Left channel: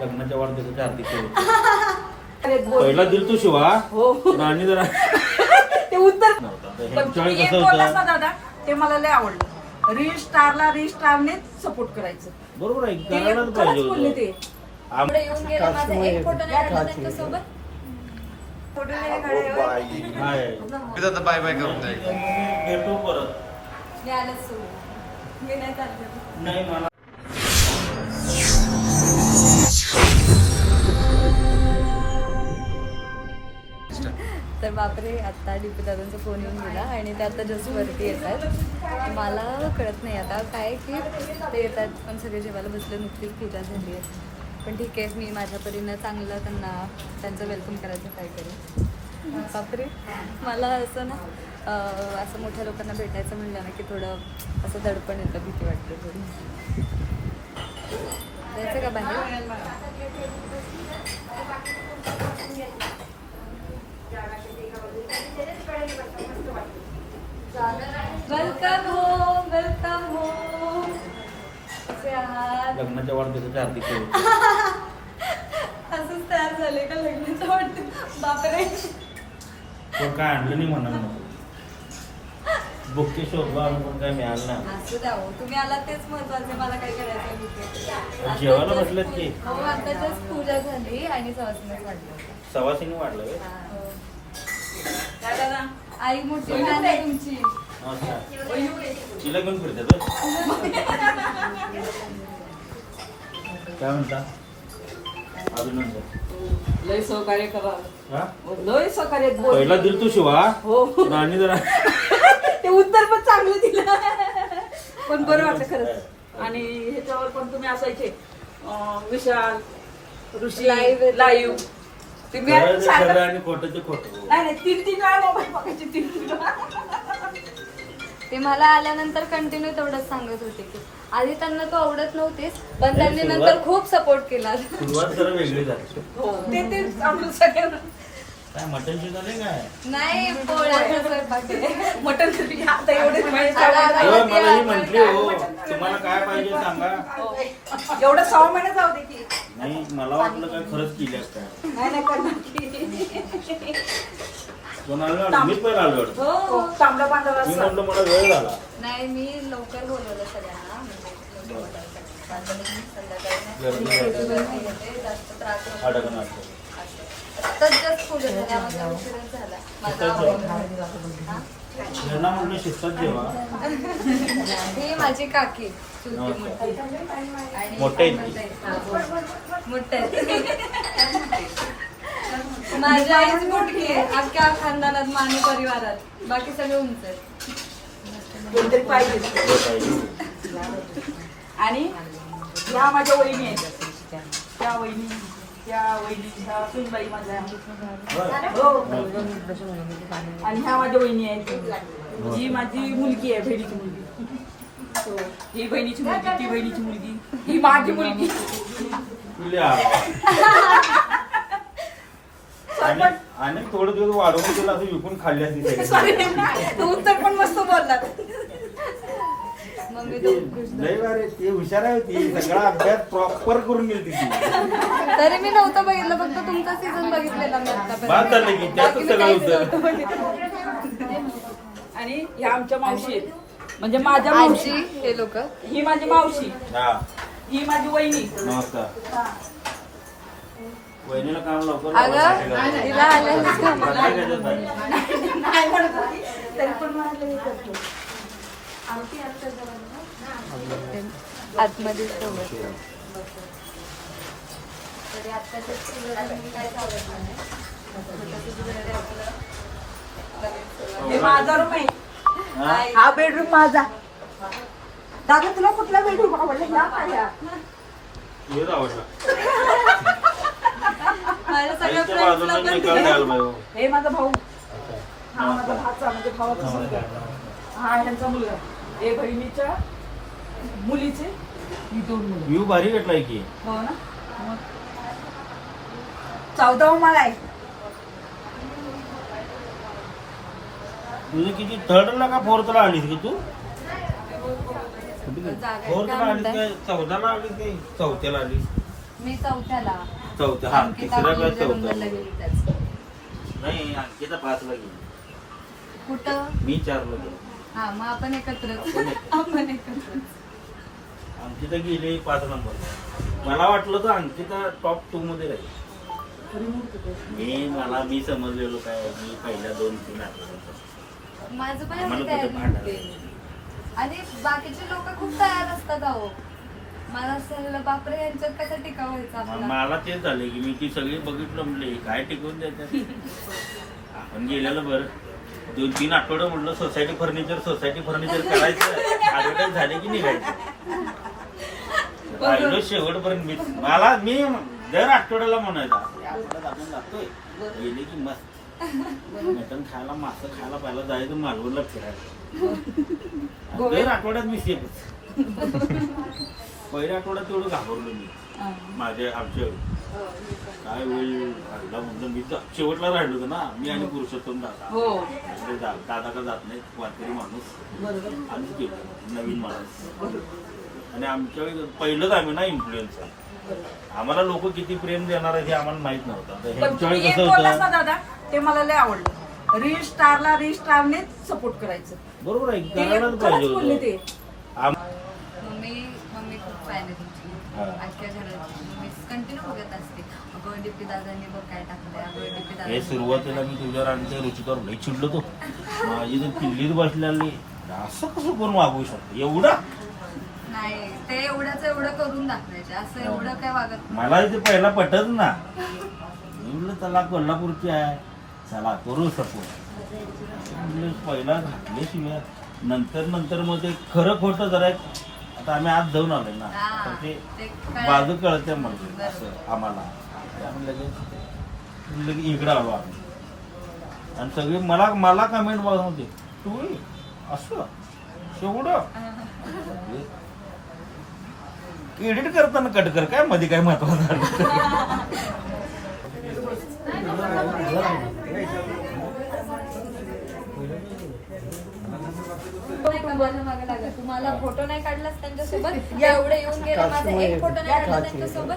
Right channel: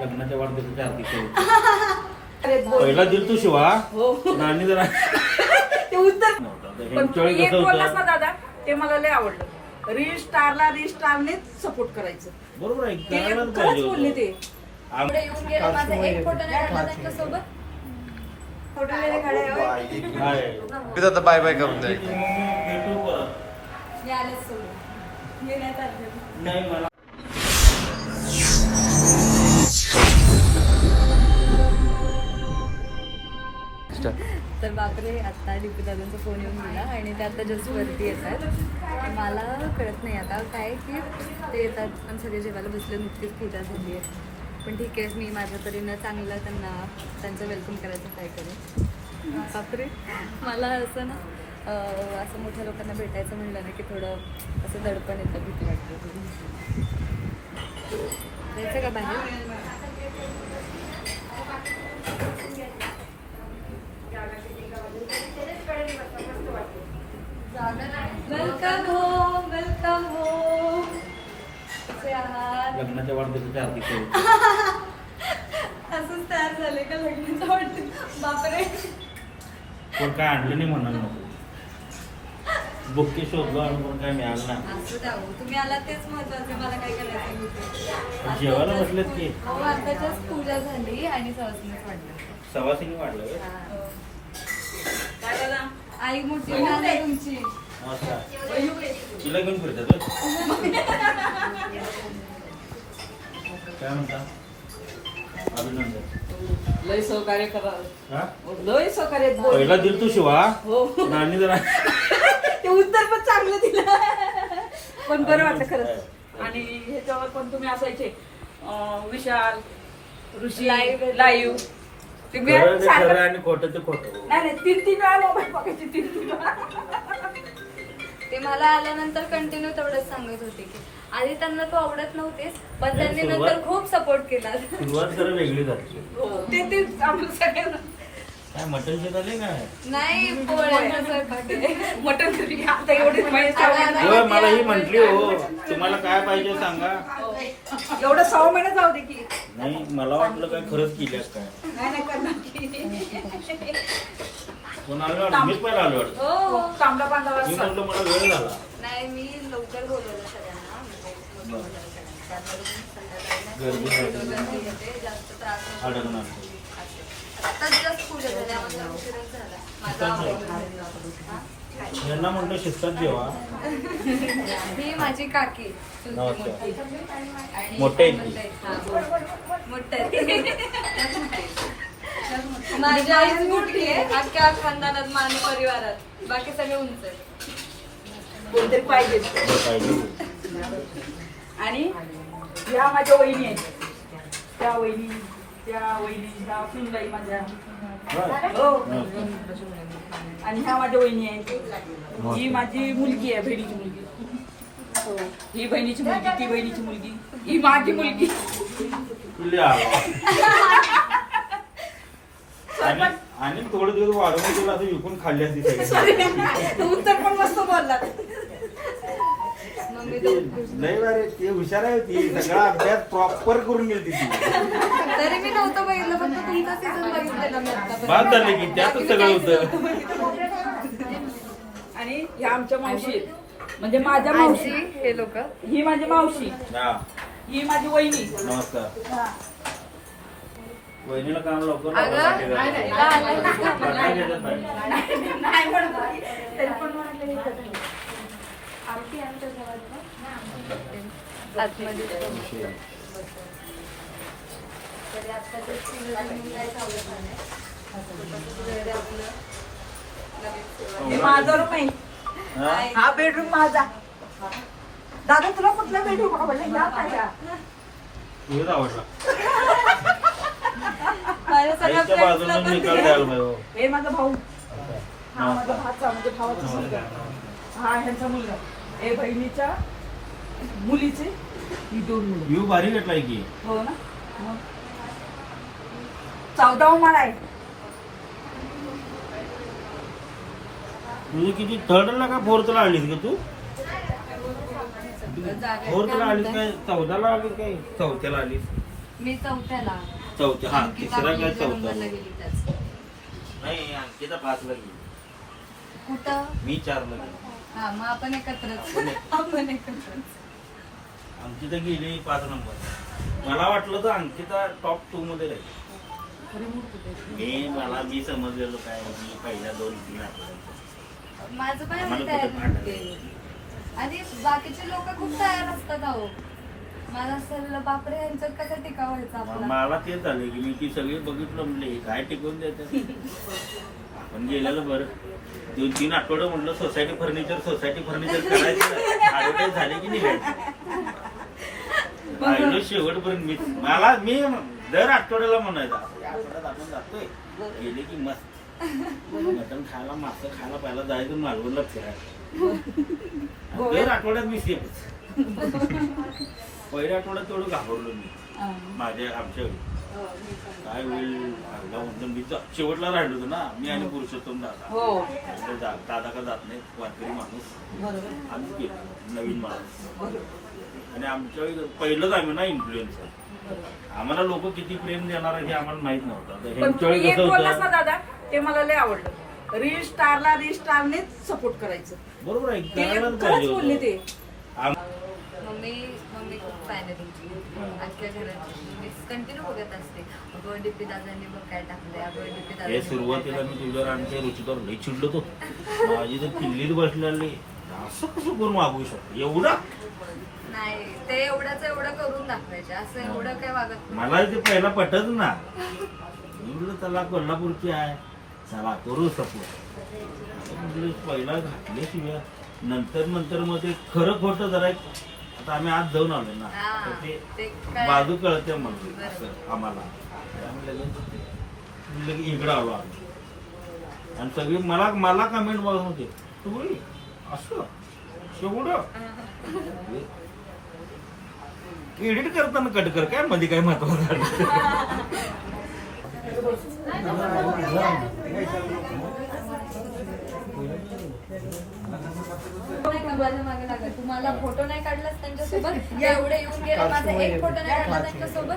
लग्नाच्या वाढदिवसाच्या हार्दिक शुभेच्छा. पहिला दिल तू शिवा आणि जरा ते उत्तर पण तू एक बोललास ना दादा ते मला लय आवडलं. रील स्टारने सपोर्ट करायचं. बरोबर आहे, ते करायलाच खरंच पाहिजे बोलले होतं. ते. पुढे येऊन गेला माझा एक फोटो नाही काढला त्यांच्यासोबत. फोटो नाही काढायला आता बाय बाय करून द्या. भेटू परत. मी आलेच सोडून मी नाही चालते. नाही मला तर बापरे, आता डीपी दादांचा फोन येऊन गेला आणि ते आता जस्ट वरती येतात. मला कळत नाही आता काय की ते येतात पण सगळे जेवायला बसले, नुकतीच पूजा झाली आहे. पण ठीक आहे, मी माझ्या परीनं चांगलं त्यांचं वेलकम करायचं ट्राय करेन. बापरे, मला असं ना असं मोठ्या लोकांना भेटायचं म्हणलं ना की थोडं असं दडपण येतं, भीती वाटते थोडी. जायचं का बाहेर? Welcome home, welcome home. कसे आहात? लग्नाच्या वाढदिवसाच्या हार्दिक शुभेच्छा. असंच तयार झाले का लग्नाचं वाटतं? बापरे, पण काय आणलं नाही म्हणाल नको. बुके शोधलो आम्ही पण काय मिळालं नाही. असू द्या हो, तुम्ही आला तेच महत्वाचं. मला काय करायचं होतं. जेवायला बसलेत की? हो, आता जस्ट पूजा झाली आणि सवासणीच वाढलं. सवासिनी वाढलं व्हय? आई मोठी बहीण आहे तुमची. नमस्कार. तिला घेऊन फिरतात व्हय? काय म्हणता? अभिनंदन. लय सहकार्य करा. हा? लय सहकार्य बोल. पहिला दिल तू शिवा हो आणि जरा ते उत्तर पण चांगलं दिलं. पण बरं वाटलं खरंच. आणि ह्याच्यावर पण तुम्ही असायचे विशाल ऋषी लाईव्ह. खरं ते खरं आणि खोटं ते खोटं. नाही नाही, 3 वेळा मोबाईल बघायचे. 3 वेळा. ते मला आल्यानंतर कंटिन्यू तेवढंच सांगत होते की आधी त्यांना तो आवडत नव्हतेच, पण त्यांनी नंतर खूप सपोर्ट केला. सुरुवात जरा वेगळी झाली. ते चांगलं सगळ्यांना. काय मटण शिकाले काय? नाही, पोळ्याचा स्वयंपाक आहे. मटण तुझी आता एवढेच माहिती होय, मला ही म्हंटली हो तुम्हाला काय पाहिजे सांगा. एवढं 6 महिने जाऊ दे की. नाही मला वाटलं काय खरंच केल्यास काय. नाही नाही करणार की. कोण आलो वाटतं? मी पण आलो वाटतं. हो, तांबडा पांढरा मी रस्सा. म्हटलं मला वेळ झाला. नाही, मी लवकर बोलवलं सगळ्यांना. गर्दी नव्हती. जास्त त्रास होत अडकणार. तर जस्ट पूजा झाली, आम्हाला उशीरच झाला. शिस्तात जेवा. यांना म्हटलं शिस्तात जेवा. ही माझी काकी चुलती नमस्कार. मोठी. आणि मोठे आहेत ती. हा, मोठे आहेत. माझी आईच मोठी आहे अख्ख्या खानदानात, मानी परिवारात. बाकी सगळे उंच आहेत. कोणतरी पाहिजे. पाहिजे. आणि ह्या माझ्या वहिनी आहेत. त्या वहिनी ह्या सुनबाई माझ्या. हो. आणि ह्या माझ्या वहिनी आहेत. ही माझी मुलगी आहे, बहिणीची मुलगी. हो. ही बहिणीची मुलगी, ती बहिणीची मुलगी, ही माझी मुलगी. तुले आला. आणि थोडं दिवस वाढवून तिला असं विकून खाल्ली असती सगळी. उत्तर पण मस्त बोललात. मम्मी दोन लय बरे ते हुशार आहे ती. सगळा अभ्यास प्रॉपर करून गेली ती. तरी मी नव्हतं बघितलं, फक्त तुमचा सीझन बघितलेला मी आता. बाद झालं की त्यातच सगळं होतं. आणि ह्या आमच्या मावशी आहेत, म्हणजे माझ्या मावशी. हे लोक ही माझी मावशी, हा ही माझी वहिनी. नमस्कार. वहिनीला काम लवकर नाही पण तरी पण म्हणाले हे करतो. आरती आता आतमध्ये हे माझा रूम आहे. हा बेडरूम माझा. दादा तुला कुठला बेडरूम आवडला? या पाहिजे. तुझं आवडला. माझ्या सगळ्या आईच्या बाजूला निकाल द्यायला पाहिजे. हे माझा भाऊ. हा माझा भाचा, म्हणजे भावाचा मुलगा. हा ह्यांचा मुलगा. हे बहिणीच्या मुलीचे ही 2 मुलं. व्ह्यू भारी भेटलाय की. हो ना. 14वा माळा आहे. तुझं किती थर्डला का फोर्थला आलीस की तू? फोर्थला आलीस काय 14ला आलीस काय 4थ्याला आलीस? मी चौथ्याला. चौथ्या हा अंकिता तिसरा का गुरुच्या चौथा नंबरला गेली त्याच. नाही अंकिता 5ला गेली कुठं? मी 4ला गेलो हा मग आपण एकत्रच. आपण एकत्रच. अंकिता गेली 5 नंबर. मला वाटलं तर अंकिता टॉप 2 मध्ये राहील. मी समजलेलो काय मी पहिल्या 2-3 आठवड्यात माझं पण एवढी आम्हाला तयारी कुठं नव्हती. आणि बाकीचे लोक खूप तयार असतात अहो. मला असं बापरे यांच्यात कसं टिकाव व्हायचं आपला. मला तेच झालं की मी ती सगळी बघितलं म्हणले काय टिकवून देतात. आपण गेलेलं बरं 2-3 आठवडं म्हटलं सोसायटी फर्निचर करायचं ऍडव्हर्टाईज झाली की निघायचं. राहिलो शेवटपर्यंत मी दर आठवड्याला म्हणायचं आपल्या आठवड्यात आपण जातोय गेले की मस्त मटण खायला मासं खायला पहिला जायचं मालवणला फिरायला. दर आठवड्यात मी सेफच. पहिल्या आठवड्यात तेवढं घाबरलो मी आमच्या काय होईल म्हणतो मी तर शेवटला राहिलो होतो ना मी आणि पुरुषोत्तम दादा. दादा का जात नाही वारकरी माणूस आम्ही गेलो नवीन माणूस आणि आमच्या वेळी पहिलंच आम्ही ना इन्फ्लुएन्सर. आम्हाला लोक किती प्रेम देणार हे आम्हाला माहित नव्हतं. पण तुम्ही एक बोललास ना दादा ते मला लय आवडलं. रील स्टारनेच सपोर्ट करायचं. बरोबर आहे ते करायलाच खरंच बोलले पाहिजे ते. मम्मी खूप फॅन आहे तुमची. आजच्या घराची मी कंटिन्यू बघत असते. अगं डीपी दादांनी बघ काय टाकलंय. अगं डीपी हे दादा सुरुवातीला मी तुझ्यावर आमच्या रुचिकर लई चिडलो तो. माझी जर किल्लीत बसलेली असं कसं कोण वागू शकतो एवढं. नाही ते एवढं करून दाखवायचे. असं एवढं काय वागत नाही. मला इथे पहिला पटत ना. मी म्हटलं त्याला कोल्हापूरची आहे चला करू सपोर्ट म्हटलं पहिला घातले शिव्या नंतर मग ते खरं खोटं जरा आता आम्ही आज जाऊन आलोय ना तर ते बाजू कळते म्हणजे असं आम्हाला. आम्ही लगेच इकडे आलो आम्ही आणि सगळी मला कमेंट बघून होते तू असं एवढं एडिट करताना कट कर काय मध्ये काय महत्वाचं. तुम्हाला फोटो नाही काढलास त्यांच्यासोबत एवढे येऊन गेले माझा एक फोटो नाही काढला त्यांच्यासोबत.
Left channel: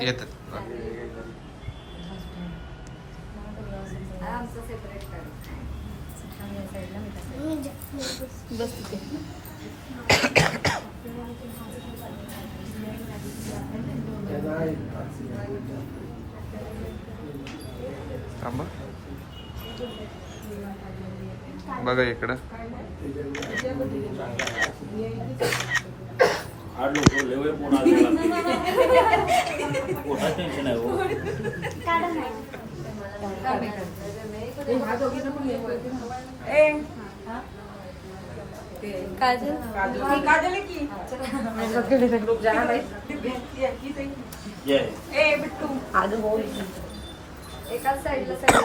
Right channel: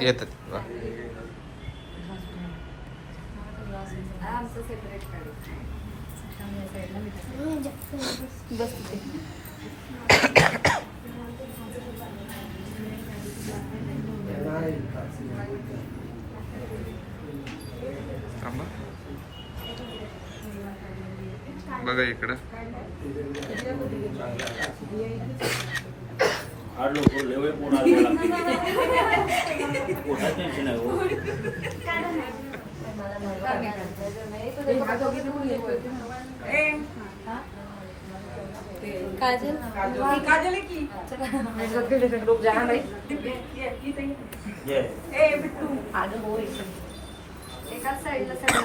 येतात आमचं सेपरेट काढायचं. बस तिथे. थांबा बघा इकडं आठ लोक लेवल पोट आलेला पोटात टेन्शन आहे हो. काजल काजल की लोक जाणार नाही. एकाच साईडला सगळं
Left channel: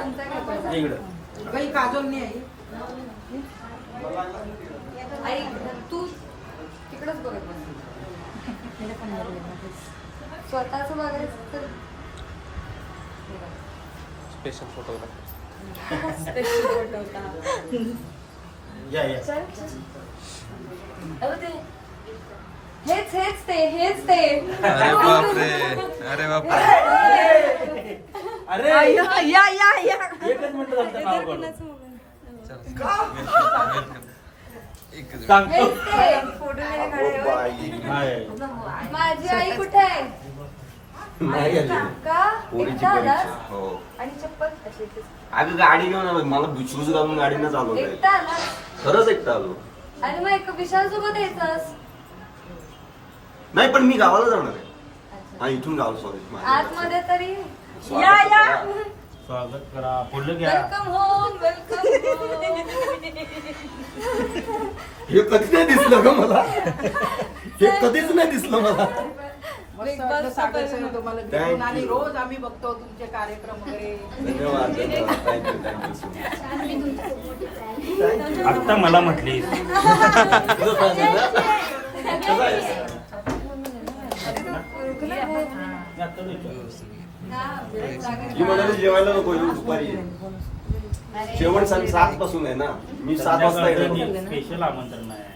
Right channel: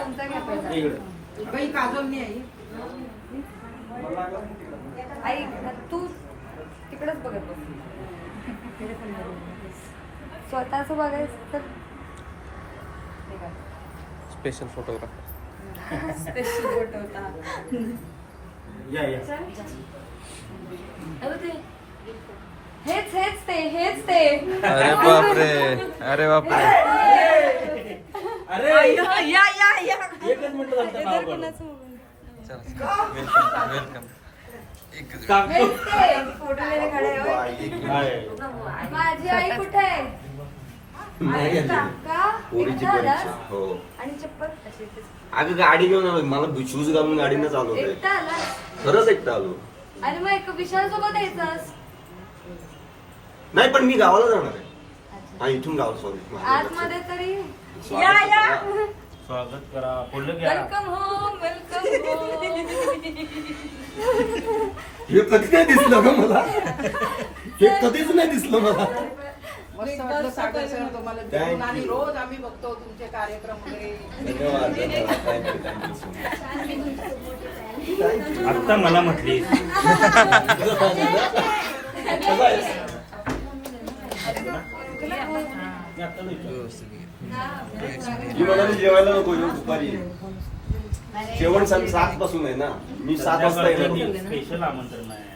तुमचा काय पाहिजे. इकडं काही काजल नाही आई तू तिकडच बघत बस. स्वतःच बघायचं तर स्पेशल फोटो स्पेशल फोटो होता. या हेच ते अरे बापरे अरे बापरे अरे या एकच मिनिट झालं नाव काढून. वेलकम हेच ते फोटो वगैरे काढायला. नाही. माझी आई कुठे आहे. का पोरीची एकटा आलास? परीक्षा हो आणि चप्पल अशी इथेच. अगं गाडी घेऊन आलो मला शूज घालून गाडीनं चालवतोय एकटा आलास खरंच एकटा आलो आणि मग एक विशाल सोबत यायचास. नाही पण मी गावाला जाणार आहे हा इथून गाव सॉरी आतमध्ये तरी या स्वागत करा फुलं घ्या. वेलकम होम वेलकम हे कधीच नाही दिसलं ग मला हे कधीच नाही दिसलं मला मस्त वाटलं सागर सर तुम्हाला भेटून आणि रोज आम्ही बघतो तुमचे कार्यक्रम वगैरे. धन्यवाद थँक्यू सो मच आत्ता मला म्हटली ही म्हणाली जेवायला नको येऊ दुपारी ये. जेवण 7 पासून आहे ना, मी 7 वाजता येणार. स्पेशल आमंत्रण आहे.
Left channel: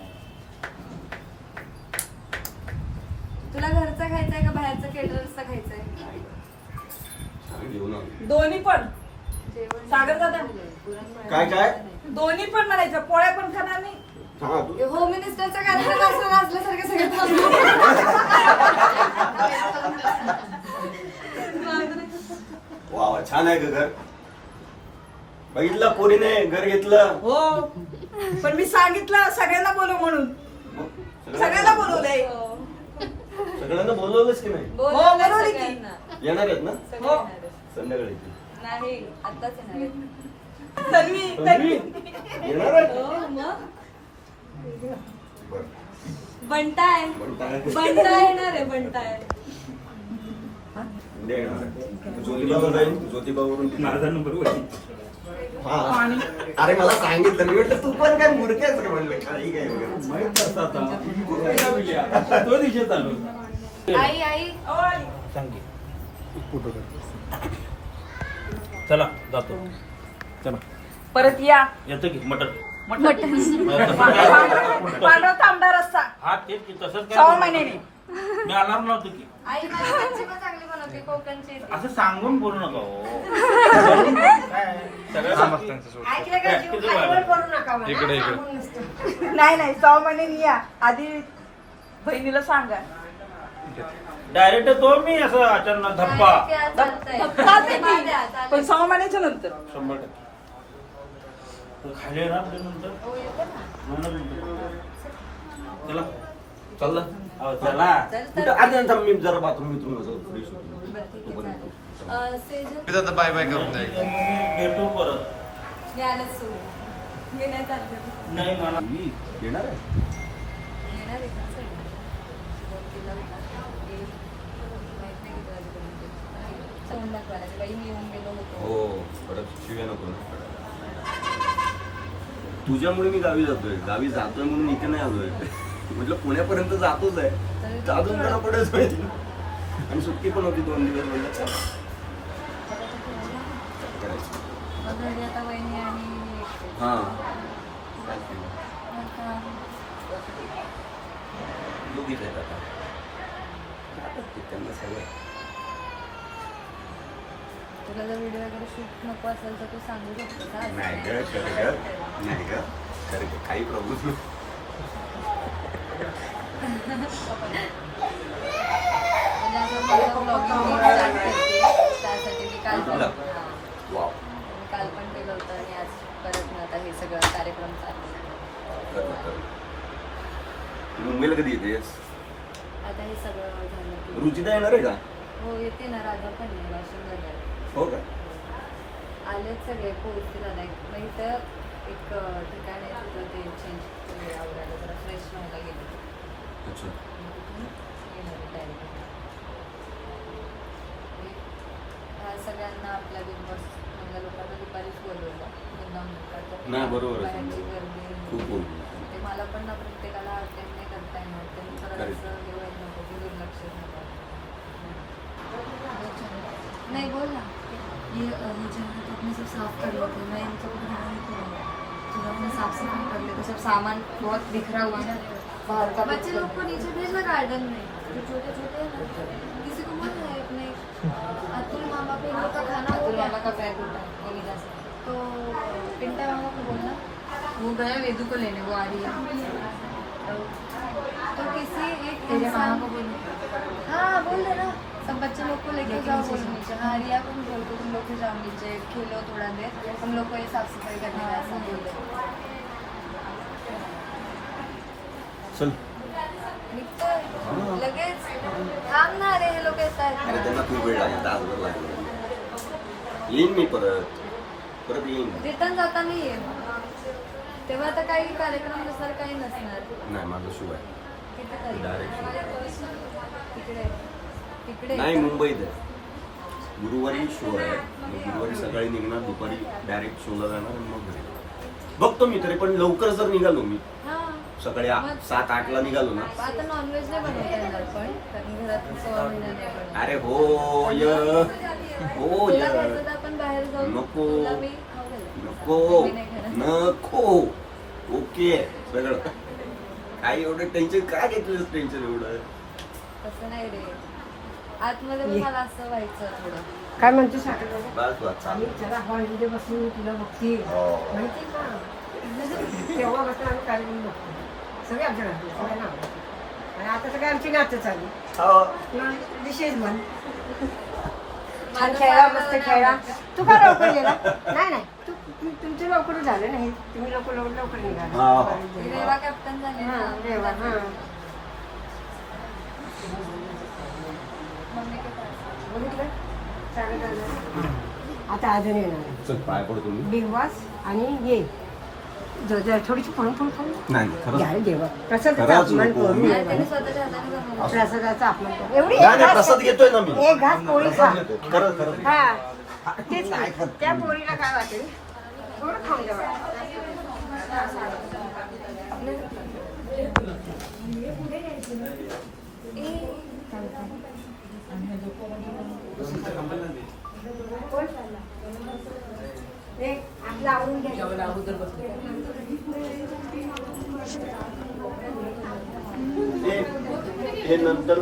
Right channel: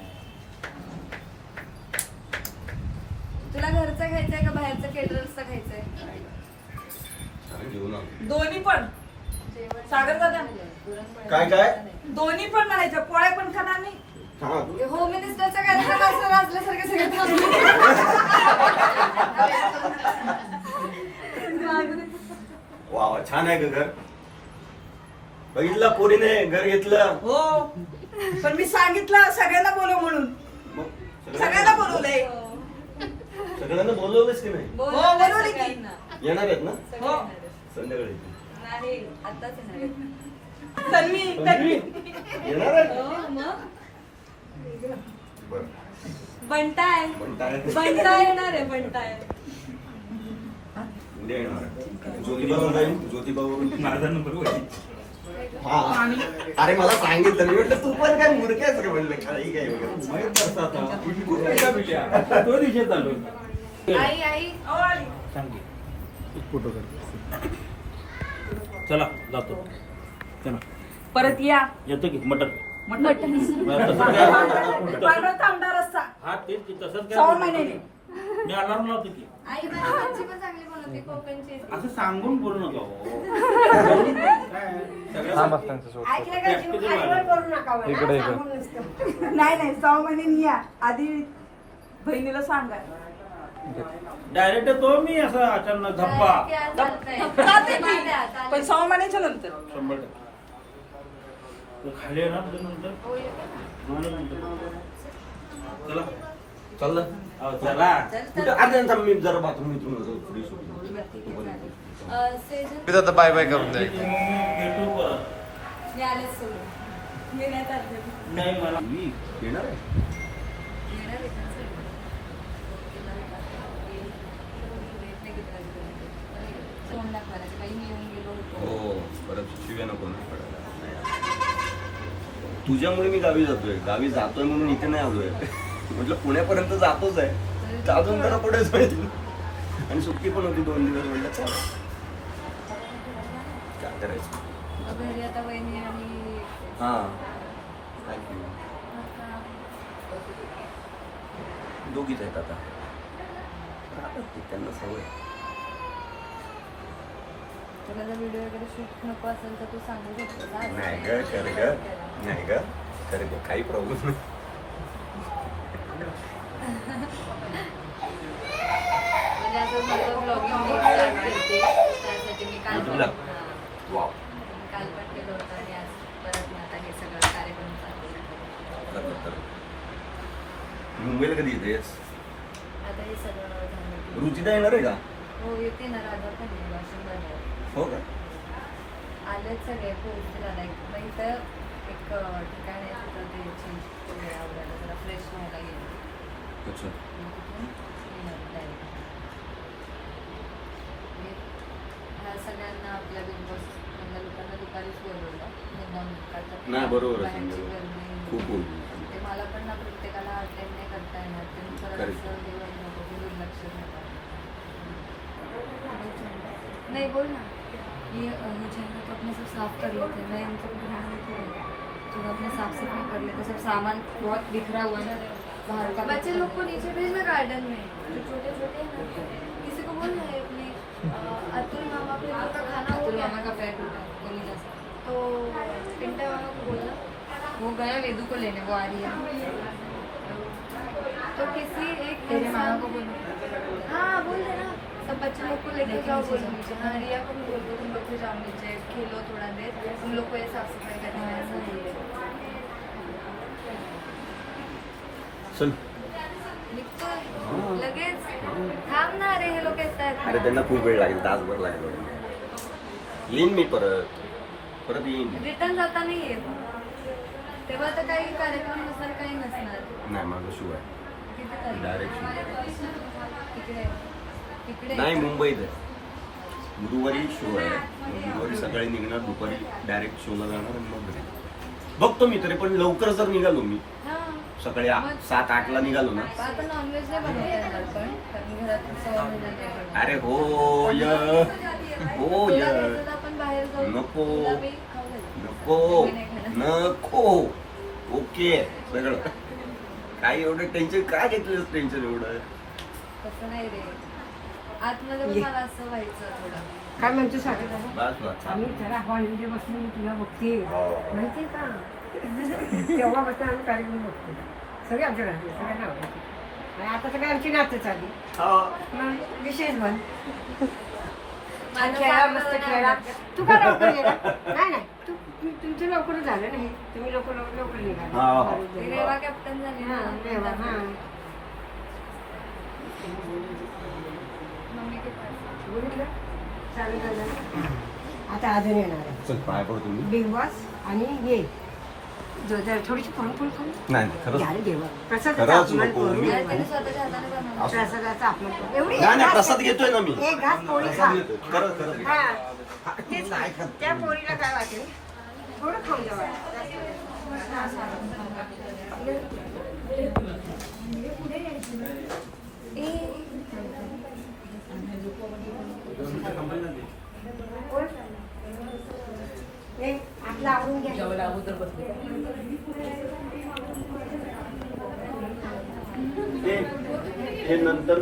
तुला घरचं खायचंय का बाहेरचं केटरर्सचं खायचंय? घेऊन आलो. दोन्ही पण सागर दादा काय? दोन्ही पण म्हणायचं, पोळ्या पण खाणार नाही. हा होम मिनिस्टरचा कार्यक्रम असल्यासारखे सगळे थांबले. वा छान आहे ग घर. बघितलं पोरीने घर घेतलं. हो पण मी सांगितलं सगळ्यांना बोलव म्हणून, मग सगळ्यांना बोलवलंय. सगळ्यांना बोलवलंच की नाही? बोलवलंय बोलवली की. सगळ्यांना. येणार आहेत ना सगळे येणार आहेत. संध्याकाळी येतील. नाही आताच येणार आहेत. तन्वी येणार आहेत? हो, मग बरं. बंटाय बंटाय. बंटाय येणार आहे बंटाय. उद्या येणार आहे. ज्योतिबावर जाईन, ज्योतिबावरून माझा नंबर होईल. हा अरे मला सांगितलं, मी म्हटलं तू पण काय मूर्खच का म्हणलं काही काय वगैरे. माहित करता आता. तो दिवशी चालू. आई आई सांग की. एक फोटो कर. चला जातो. चला परत या. येतो की मटन. मटण पांढरा तांबडा रस्सा हा तेच की तसंच 6 काय महिन्याने. मी अलार्म लावतो की. आई मच्छी पण चांगली बनवते कोकणची. असं सांगून बोलू नका हो. काय? सगळं हा बस त्यांच्यासोबत इकडे इकडे नाही 6 महिन्यानी या. आधी बहिणीला सांगा. डायरेक्ट तो मी असं अचानक धप्पा. पण 6 महिन्याच्या नंतर 100%. खाली ना नंतर चला चाललं चला. कुठं आता मी जरा बाथरूम मिथरून फ्रेश होतो. मी आता बाय बाय करून द्या. भेटू परत. मी आलेच सोडून येण्याचा अर्थ नाही मला मी येणार आहे. येणार आहे पण सगळे. फोन दाखवायला बाई मी येऊन गेलो होतो. हो परत शिव्या नको ना. तुझ्यामुळे मी गावी जातोय म्हणून इथे नाही आलोय. म्हटलं पुण्यापर्यंत जातोच आहे, अजून जरा पडायच पाहिजे. आणि सुट्टी पण होती 2 दिवस. म्हटलं चला करायचं. मग घरी आता वहिनी आणि हा दोघीच आहेत आता. त्यांना सवय. तुला जर व्हिडिओ वगैरे शूट नको असेल तर तू सांगू शकतो का? नाही ग कर ग काही प्रॉब्लेम नाही. म्हणजे असं माझं ब्लॉगिंग स्टार्ट करते त्यासाठी मी काल पण YouTube ला? वाव. काल पण केलं होतं आणि आज परत मग आता हे सगळं कार्यक्रम चालू आहे. मुंबईला कधी येतेस? आता हे सगळं झालं की रुचिता येणार आहे का? हो येते ना. राजा पण येईल वाशिमला हो का? आलेच सगळे पोहोचतील. आला मग इथं एक ठिकाण आहे तिथं ते चेंज आवडायला जरा फ्रेश व्हायला गेले. अच्छा. सगळ्यांना आपल्या बिग बॉस लोकांना दुपारीच बोलवलं. नाही, बरोबर आहे. बाहेरची गर्दी. खूप बोल. ते मला पण ना प्रत्येकाला अटेंड नाही करता येणार. ते मी परत Correct. असं हे होत नको की दुर्लक्ष झालं. नहीं बोल ना ये जगह तो अपने सब साफ कर लेते हैं. मैं इनसे कुछ मना नहीं कर रही. जब अपना साफ सफाई कर लेते सब सामान बहुत बिखरा हुआ है ना बाहर का. बच्चे लोग को नीचे भेजना गार्डन में जो छोटे छोटे हैं ना. किसी को बोलना है अपने अतुल मामा पे लोग का खाना हो गया. मामा का पैर टूटा बोली जा सकती तो पिंटा मामा को बोलना वो गया वेदू को लेने. वो आ रही है तो किसी एक इंसान को बोलना. हाँ बोल देना सब बच्चे लोग को लेके जाओ नीचे. हाँ रिया को भी बोलते तुम लोग को जाओ नीचे खेलो थोड़ा देर. हम लोग को ये साफ सफाई करनी है ऐसा बोल दो. चल. निघतोय लगेच. थांब ना रे हे लोक येत अरे आहेत. त्यांना खूप वेळ लागेल, तासभर लागेल. येईन मी परत येईन. रिटर्न जाता नाही येत तेव्हा तर काही कार्यक्रम नसणार काही नसणार. नाही माझं शिव आहे. तिथे काय? Direct तिकडे तिकडे नाही मुंबईत आहे. गुरुवारी शो आहे. मग गुरुवारी सकाळी निघणार, दुपारी डायरेक्ट शोला जाणार आणि मग घरी. बघतो मी तरी, पण लवकर जर निघालो मी हां सकाळी 7-8 ला निघालो ना. आता नॉनव्हेज नाही बनवता येणार पण कारण घरात 6 महिना नाही बनवत. अरे हो य हो तुला यार. घ्यायचं तर आपण बाहेर जाऊ. नको. तुला मी खाऊ घालेन. नको मी नाही खाणार. नको ओके सगळं काय एवढं टेन्शन काय घेतलं टेन्शन एवढं तसं नाही रे. आतमध्ये पण मला असं व्हायचं थोडं. काय म्हणते साखर बाबा बस बस आणि चालेल. चला हॉलिडे बसून तुला बघते माहिती का तेव्हा बसून आम्ही कार्यक्रम बघतो सगळे आमच्या घरातले सगळ्यांना आवडते आणि आता सगळे आमची नातं चालली हो. मग विशेष म्हण माझं खेळा मस्त पाठवलं खेळा नाही. तू काय लवकर गेला नाही नाही तुमचं लवकर झालं नाही तुम्ही लवकर निघाला हा, हा. मी रेवा कॅप्टन झाले ना. रेवा, हा. मम्मी ते पाठवलं. चांगलं झालं. आता अजून येणार आहे चल पाय पडतो मी बिग बॉस आणि ये जरा थोडीशी पुढे नाही खरंच घ्यायला देवा प्रसादाचा खरंच अपमान नको. करू मी- आणि त्याने स्वतःच्या हाताने जमवलं. प्रसादाचा अपमान करू. एवढी नाही एक नाही घास प्रसाद घेतोय ना मी एक घास पोळी खा प्रसाद घेतोय खरंच खरंच हा तेच नाही खात. त्या पोळीला काय वाटेल थोडं खाऊन जावा ए, आपलं आवरून घ्या जेवायला अगोदर बसले. हे नंतर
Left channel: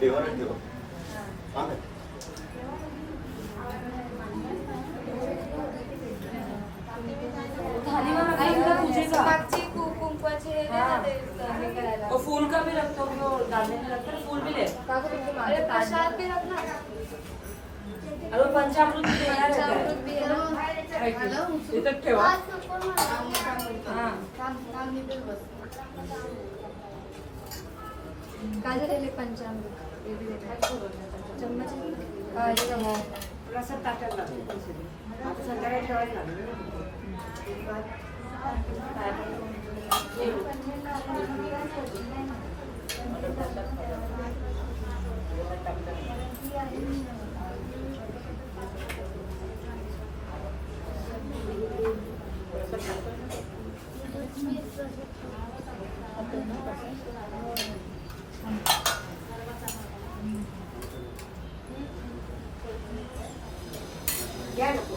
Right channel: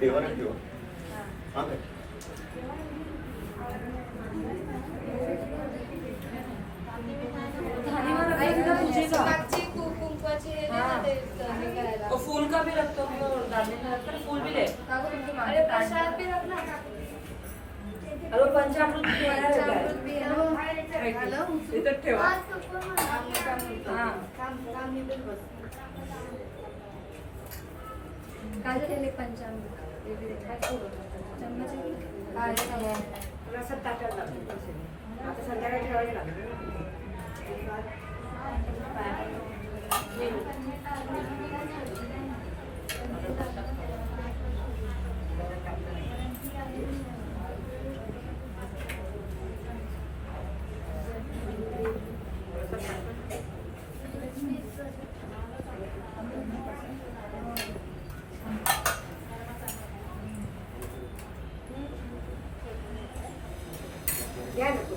देवाला ठेवा हा काय? मागची कुंकवाची हे दे ना ते हे करायला. और फूल का भी रखते हो और डालने में रखकर फूल भी दे. काकू तुमचे मागे प्रसाद भी रख ना. अरे पंचामृत भी है पंचामृत भी है ना. इथं ठेवा. हा. काय झालेले पंचामृत हे बी दे. चम्मच आहे. हा, हे बघा. रसात ताटात लागतो आता संध्याकाळी ठेवायला लागेल या नको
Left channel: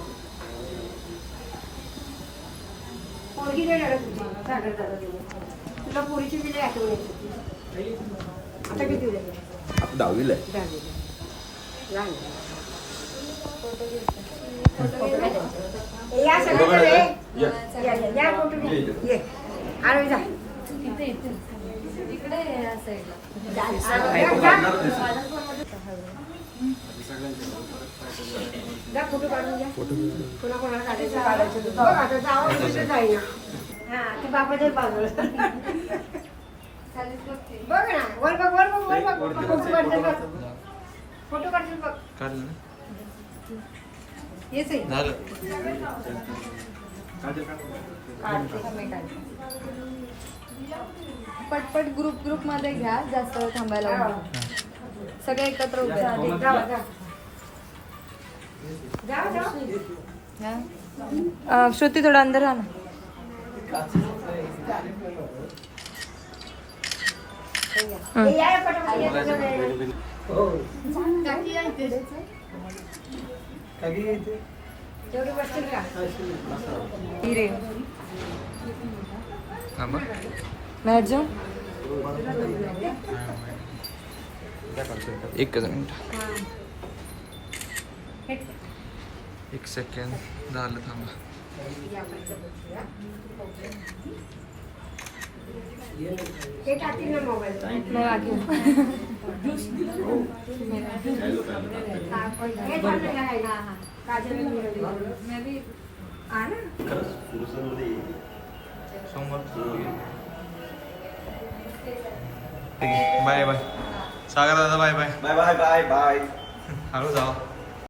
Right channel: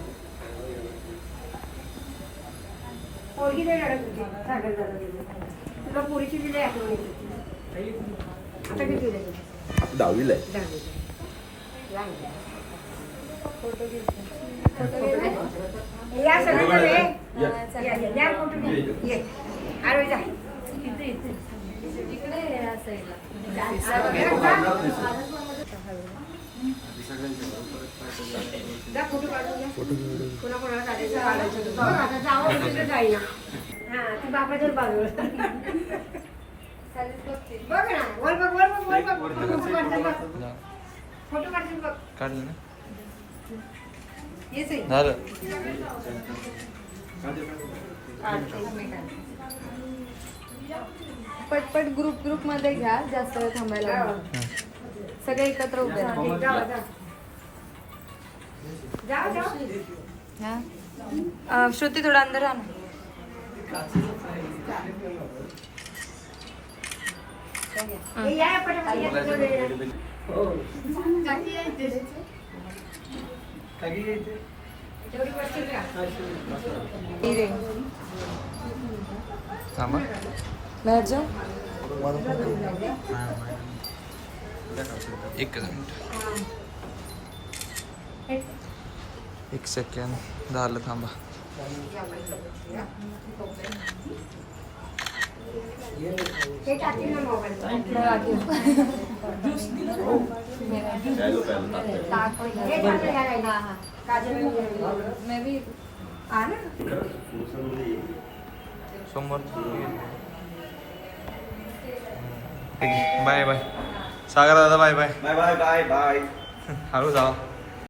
पोरगी नाही रडत तुझी सागर दादा गेले तुला पोरीची बिले आठवण येत होती आता किती उद्या आता 10वीला आहे दहावीला लहान आहे. फोटो घेते. या सगळ्यांना रे. या. या फोटो घे. ये आरोग्य जा. इथे इथे इकडे या साईडला. जा फोटो काढून घ्या कोणाकोणाला काढायचं बघ आता जावं कसं जाईना हा तू बापाच्याच बाजूला खालीच बघते. बघ ना वर बघ फोटो काढशील फोटो काढशील बघ काढलं ना येच आहे झालं पटपट ग्रुप मध्ये घ्या. जास्त वेळ थांबायला नको. सगळे एकत्र उभे राहा. जा श्रुती थोडं अंदर राहा. या पटापट या तुझं वेळ तेवढी बसतील का हिरे थांबा मॅडजो एकच मिनिट एक सेकंड झालं थांबा ते टाकील ना मोबाईल हे टाकलं घ्यायला. काजल मैं भी आ ना समोर बाय बाय सागर दादा bye bye bye bye bye bye हळू जावा